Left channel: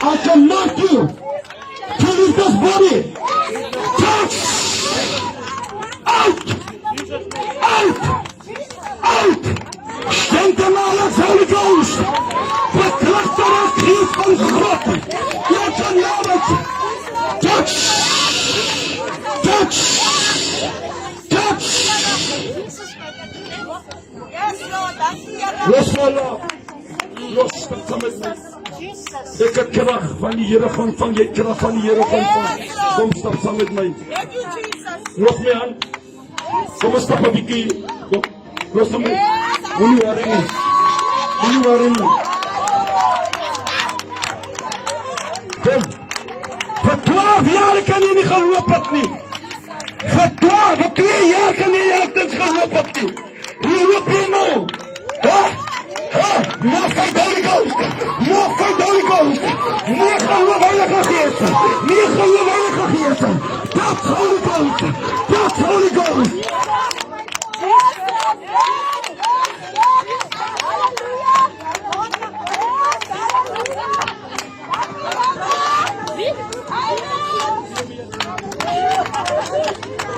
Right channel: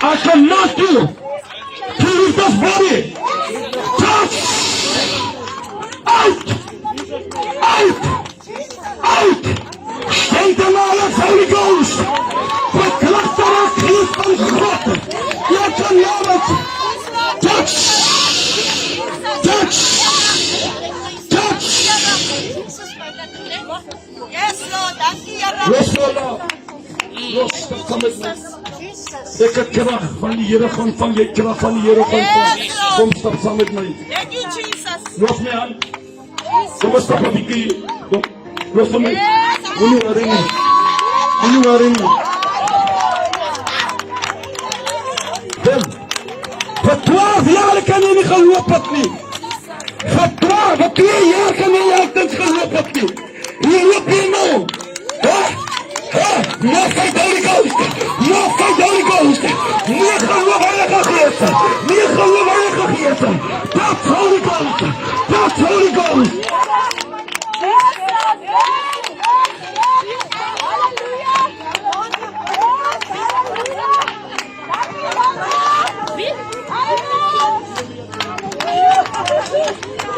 I command you to leave this body. Touch! Out! Out! Out! Stand alive, Holy Ghost! The cluster of Christ's blood! Let the knowledge! Touch! Touch! Touch! Yes, Lord! Los de commitment. Ik heb kracht van de Heere gaan van je kracht van de Heere gaan van. Kom stap saam met my. Los my aan. Kom stap 'n bietjie. Los my. Moenie worry nie. Moenie worry nie. Kom. Vir 12 jaar kan jy nie geloop het nie. Vir 2 jaar kan jy nie geloop het nie. Hier loop jy nou. Nog geen Holy Ghost! Nog geen Holy Ghost! Niet gaan we heilige geest! Niet gaan we heilige geest!